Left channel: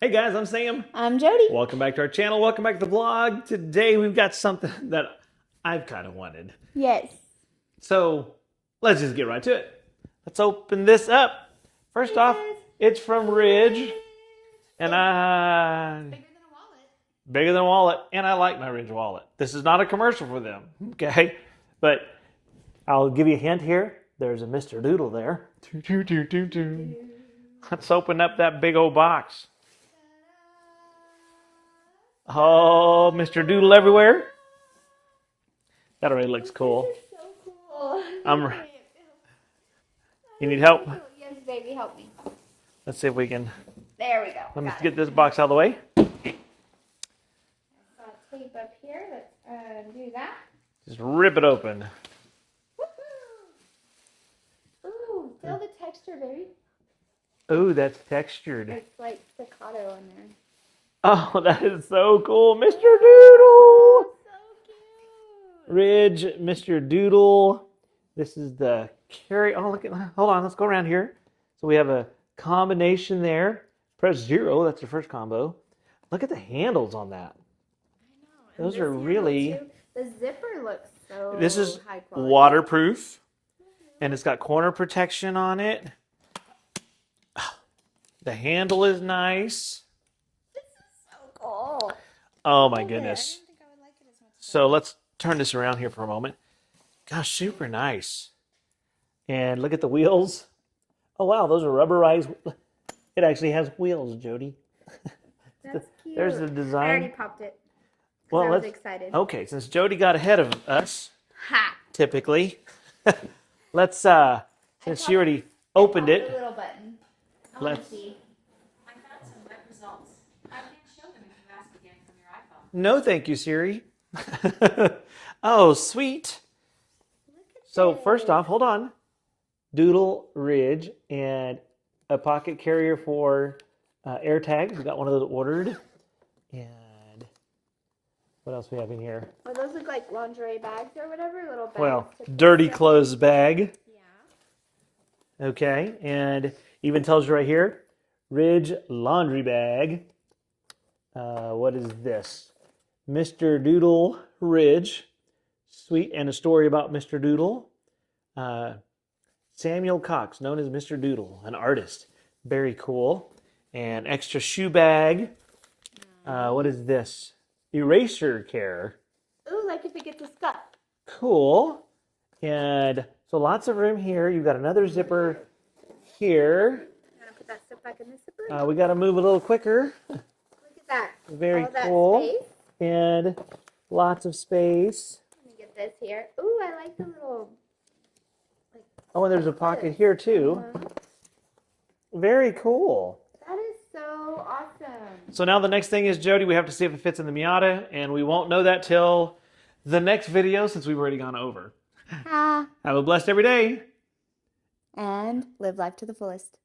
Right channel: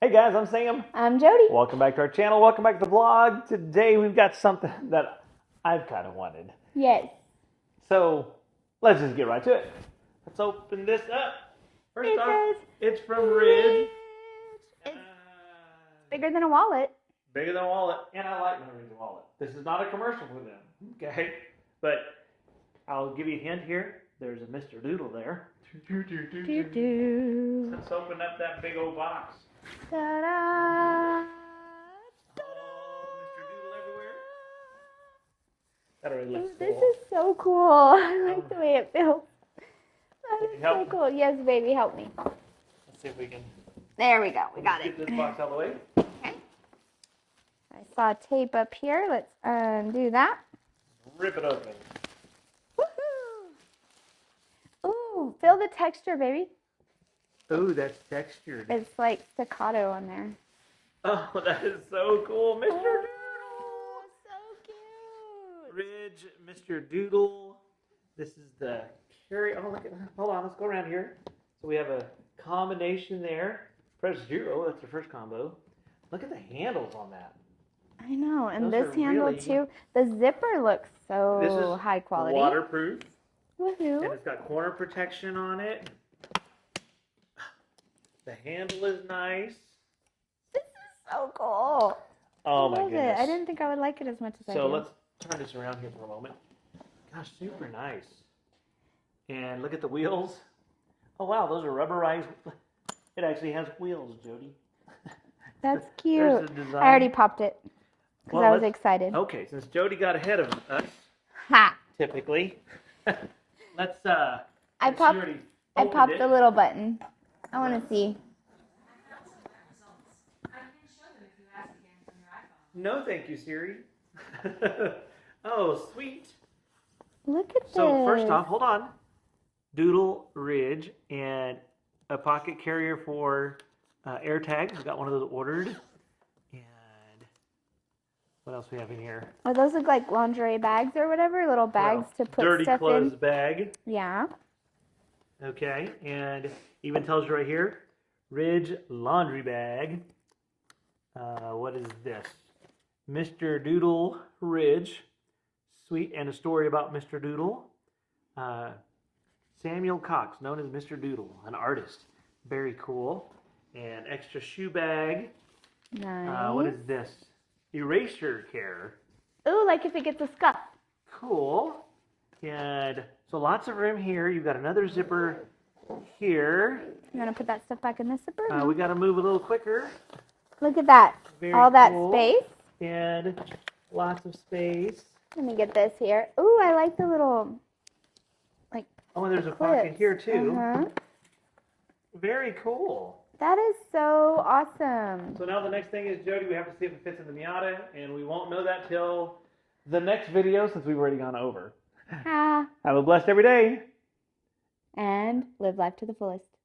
Hey guys, I'm Sam. I'm Jody. Welcome back to our channel. Welcome back to the vlog. Today we've got something that I've kind of wanted. Yes. So let's just get right to it. Let's open this up. First off, it's from Ridge. And Bigger than a wallet. Bigger than a wallet. And I like my Ridge wallet. This is not a commercial for them. Okay. But I'll give you a hint here. There's a Mr. Doodle there. Let's open up that big old box. Ta-da! Oh, Mr. Doodle everywhere. That already looks cool. This is so cool. I like the way it feels. You need help? So cool. Yes, baby, help me. Let's see if we can. There we go. Let me get this box out of the way. I saw tape up here. Let's undo that. Just rip it open. Ooh, feel the texture, baby. Ooh, that's textured. It's like staccato on there. Oh, that is so cool. Mr. Doodle. So cute. Ridge, Mr. Doodle. This is the carry. Oh, look at. Hold on. Let's go around here. So we have a combination there. Press 0. That's the first combo. Look at the handles on that. I know. And Those this are handle, really... too. The zipper looks so This is high quality. waterproof. Woohoo. And it's got corner protection on it. The handle is nice. This is so cool. Oh my Love goodness. it. I didn't think I would like it as much as I So did. let's turn this around here for a moment. Gosh, super nice. And look at the wheels. Oh wow, those are rubberized. It actually has wheels, Jody. That's cute. There's the design. I already popped it because I was excited. Okay, since Jody got ahead of us, Ha! typically, let's since she already opened it. the little button. I want Let's- to see. I found some web results. I can show them if you ask again from your iPhone. No, thank you, Siri. Oh, sweet. Look at So this. first off, hold on. Doodle, Ridge, and a pocket carrier for air tags. We got one of those ordered. And what else we have in here? Oh, those look like lingerie bags or whatever. Little bags to put dirty stuff clothes in. bag. Yeah. Okay, and even tells you right here, Ridge laundry bag. What is this? Mr. Doodle Ridge. Sweet, and a story about Mr. Doodle. Samuel Cox, known as Mr. Doodle, an artist. Very cool. And extra shoe bag. Nice. What is this? Eraser care. Ooh, like if it gets a scuff. Cool. And so lots of room here. You've got another zipper here. You want to put that stuff back in the zipper? We got to move a little quicker. Look at that. Very All that cool. space. And lots of space. Let me get this here. Ooh, I like the little, like, Oh, and there's a pocket clips. here too. Uh-huh. Very cool. That is so awesome. So now the next thing is, Jody, we have to see if it fits in the Miata, and we won't know that till the next video since we've already gone over. Ah. Have a blessed every day. And live life to the fullest.